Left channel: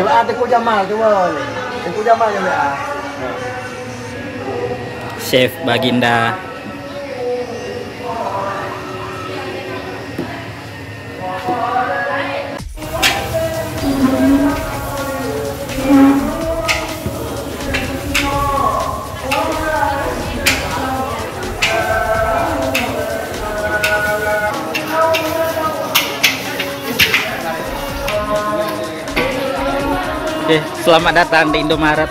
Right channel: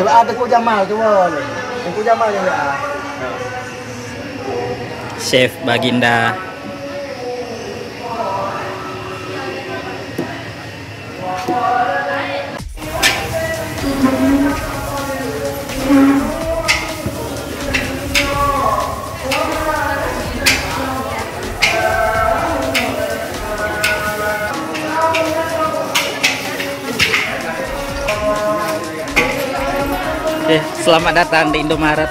WA Tengku Jamal tu boleh. Tengku Jamal yang WA. Chef Baginda. Oke, selamat datang di Indomaret.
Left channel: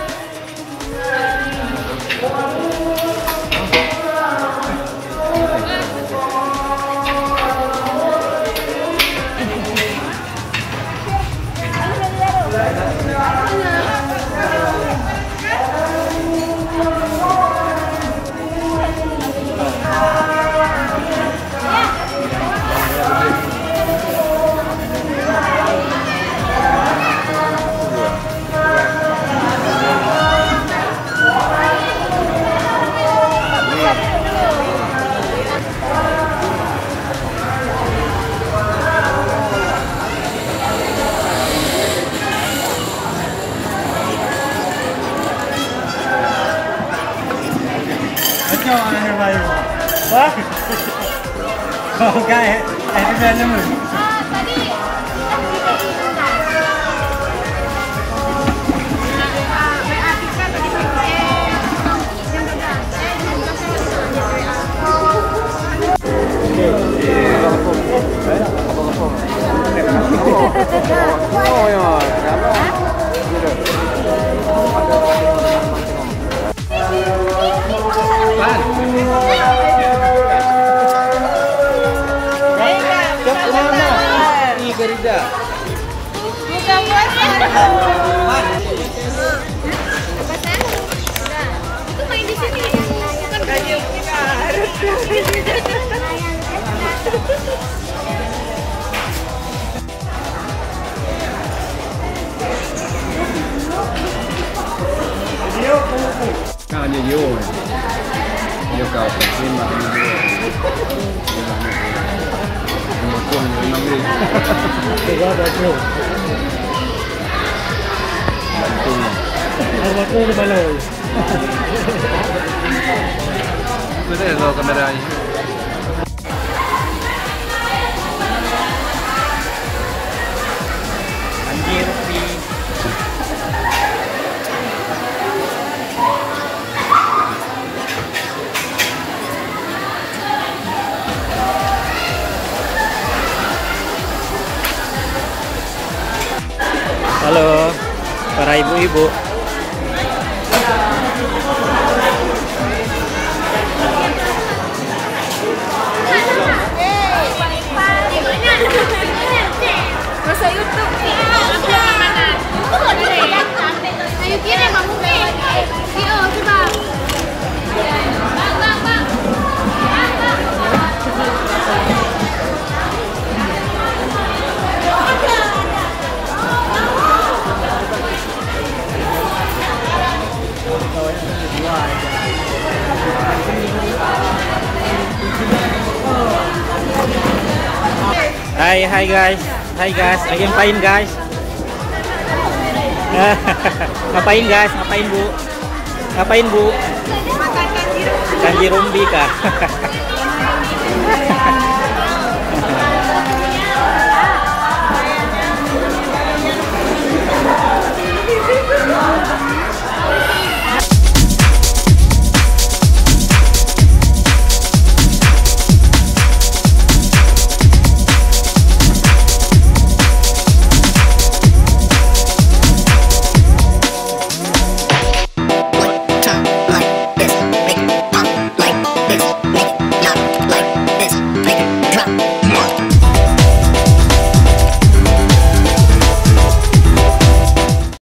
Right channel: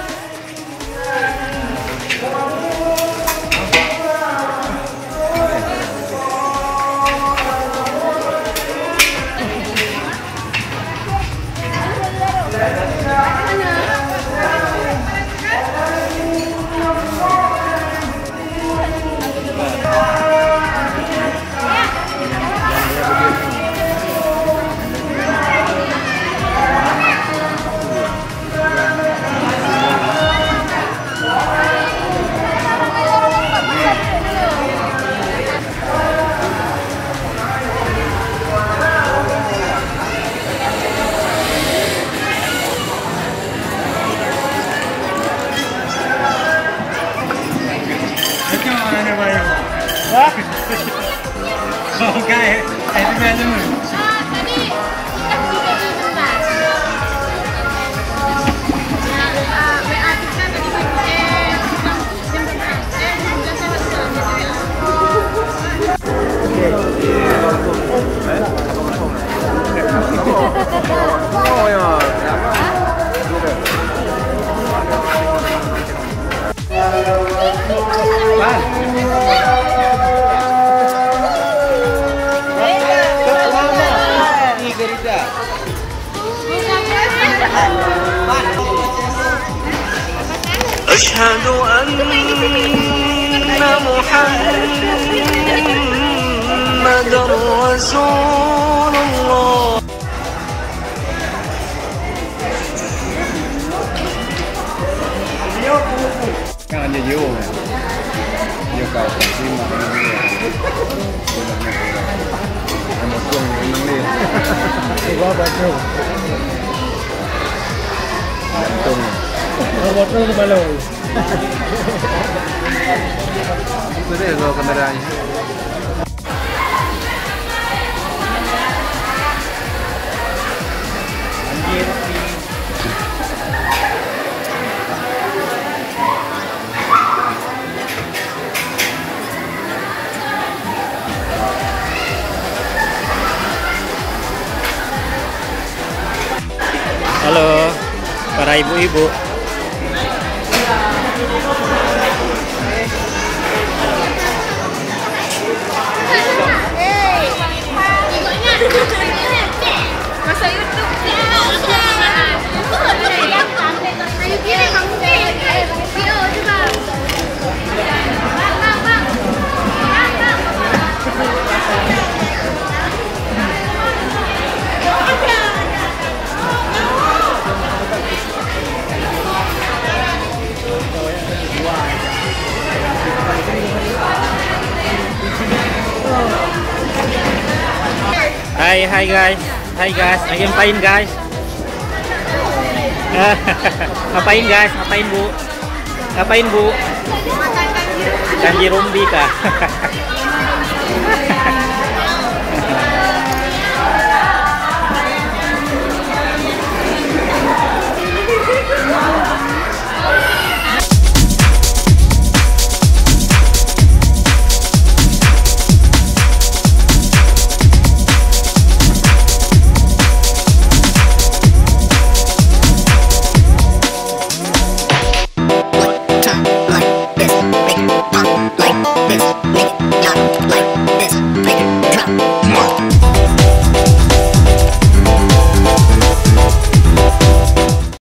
Wah, oke, itu banyak nih. Tadi bentar. WA kita tadi jam Oh ya, apa? أشهد أن محمدا رسول الله. Kan dia yo. Yo kau terima dia. Mungkin ini. Coba betul. Betul baloi. Itu dia lo kameranya. Anjir, halo para ibu-ibu. Masa YouTube ya, aku yang mana? Ayo kirim kamu video juga. Bang. Hai guys, lagi ngapain guys? Ngapain guys? Ngapain bu? Ngapain bu? Makan Kanji rumbi kah?